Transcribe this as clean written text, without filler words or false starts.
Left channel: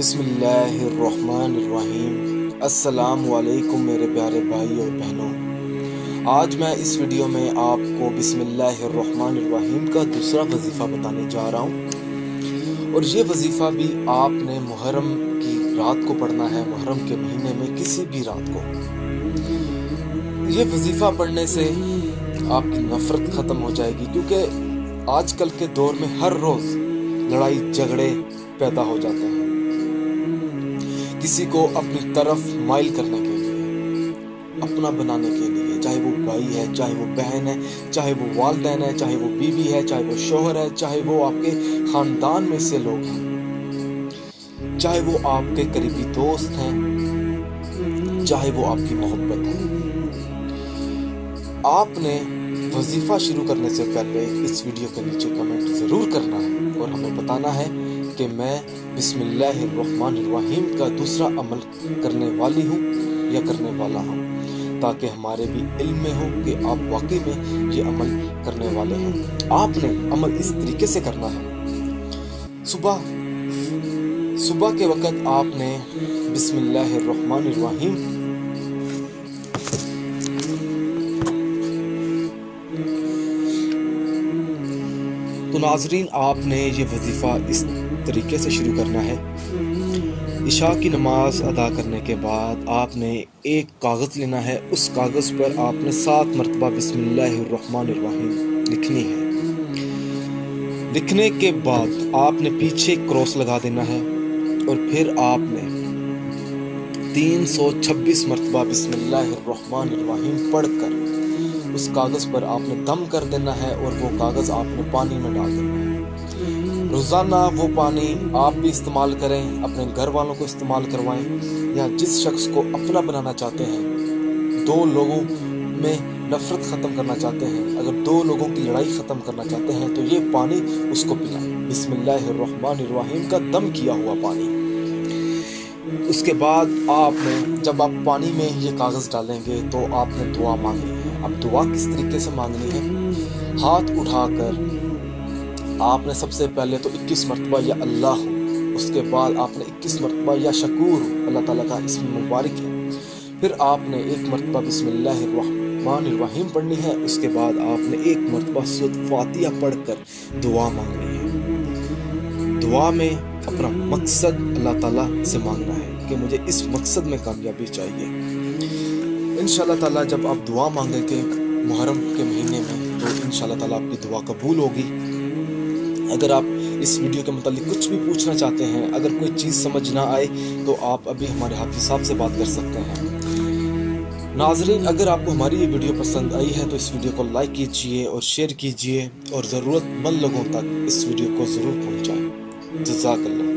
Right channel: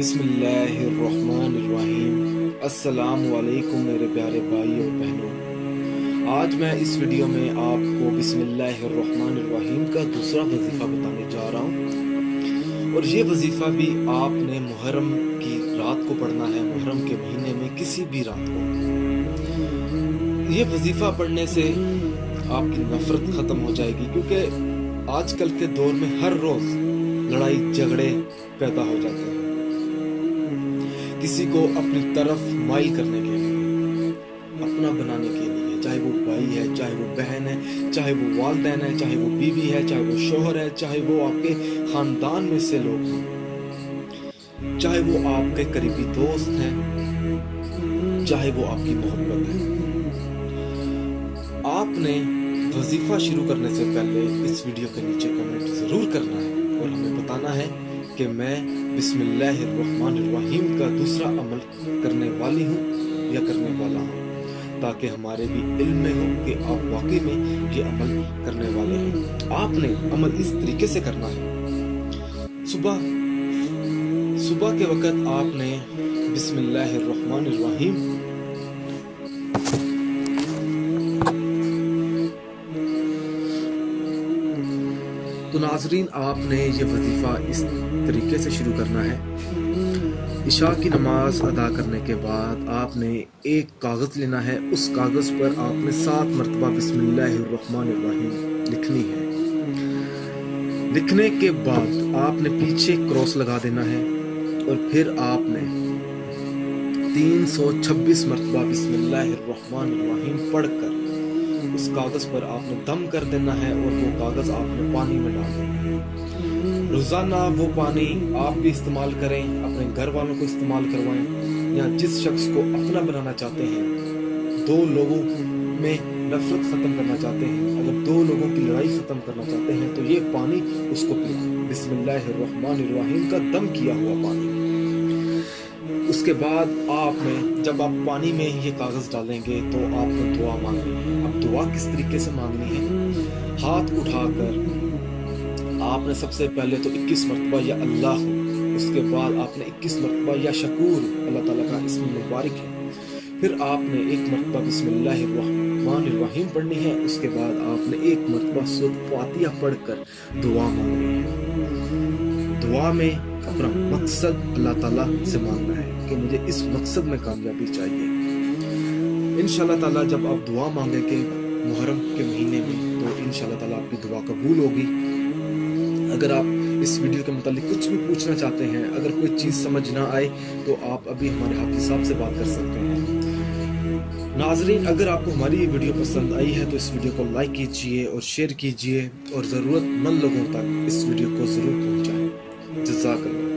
बिस्मिल्लाहिर्रहमानिर्रहीम। अस्सलाम वालेकुम मेरे प्यारे भाई और बहनों। आज मैं इस वीडियो में आपको बिस्मिल्लाहिर्रहमानिर्रहीम का दूसरा वजीफ़ा बताने जा रहा हूँ, और ये वजीफ़ा भी आपने मुहर्रम की रात को पढ़ना है, मुहर्रम के महीने में किसी भी रात को। ये वजीफ़ा पढ़ने से आपकी नफ़रत ख़त्म हो जाएगी, क्योंकि आजकल के दौर में हर रोज़ लड़ाई झगड़े पैदा हो जाते हैं, किसी को अपनी तरफ माइल करने के लिए, अपना बनाने के लिए, चाहे वो भाई है, चाहे वो बहन है, चाहे वो वालिदैन है, चाहे वो बीवी है, चाहे वो शोहर है, चाहे वो आपके खानदान में से लोग हैं, चाहे वो आपके करीबी दोस्त हैं, चाहे वो आपकी मोहब्बत है। आपने वजीफा शुरू करने से पहले इस वीडियो के नीचे कमेंट ज़रूर करना है और हमें बताना है कि मैं बिस्मिल्लाहिर्रहमानिर्रहीम का दूसरा अमल करने वाली हूँ या करने वाला हूँ, ताकि हमारे भी इल्म में हो कि आप वाकई में ये अमल करने वाले हो। आपने अमल इस तरीके से करना है। सुबह के वक़्त आपने बिस्मिल्लाहिर्रहमानिर्रहीम तो नाजरीन, आपने ये वजीफ़ा इस तरीके से शुरू करना है। इशा की नमाज अदा करने के बाद आपने एक कागज़ लेना है, उस कागज़ पर आपने 7 मरतबा बिस्मिल्लाहिर्रहमानिर्रहीम लिखनी है। लिखने के बाद आपने पीछे क्रॉस लगा देना है, और फिर आपने 326 मरतबा बिस्मिल्लाहिर्रहमानिर्रहीम पढ़कर उस कागज़ पर आपने दम कर देना है, और वो कागज़ आपने पानी में डाल देना है। रोज़ाना वो पानी आप भी इस्तेमाल करें, अपने घर वालों को इस्तेमाल करवाएं, या जिस शख्स को अपना बनाना चाहते हैं, 2 लोगों में नफ़रत ख़त्म करना चाहते हैं, अगर 2 लोगों की लड़ाई ख़त्म करना चाहते हैं, तो ये पानी उसको पिलाएं, बिस्मिल्लाहिर्रहमानिर्रहीम का दम किया हुआ पानी। उसके बाद आपने जब आप पानी में ये कागज़ डालेंगे तो आपने दुआ मांगनी है। अब दुआ किस तरीके से मांगनी है? हाथ उठाकर आपने सबसे पहले तो 21 मरतबा या अल्लाह, उसके बाद आपने 21 मरतबा या शकूर, अल्लाह ताला का इस्म मुबारक है, फिर आपने 1 मरतबा बिस्मिल्लाहिर्रहमानिर्रहीम पढ़नी है। उसके बाद आपने 1 मरतबा सूरत फातिहा पढ़कर दुआ मांगनी है। दुआ में अपना मकसद अल्लाह ताला से मांगना है कि मुझे इस मकसद में कामयाबी चाहिए। इंशाअल्लाह ताला जब आप दुआ मांगेंगे मुहर्रम के महीने में, तो इंशाअल्लाह ताला आपकी दुआ कबूल होगी। अगर आप इस वीडियो के मुतालिक कुछ भी पूछना चाहते हैं, अगर कोई चीज़ समझ ना आए, तो आप अभी हमारे हाफिज़ साहब से बात कर सकते हैं। नाजरीन, अगर आपको हमारी ये वीडियो पसंद आई है तो इस वीडियो को लाइक कीजिए और शेयर कीजिए, और ज़रूरतमंद लोगों तक इस वीडियो को ज़रूर पहुँचाएँ। जज़ाकल्लाह।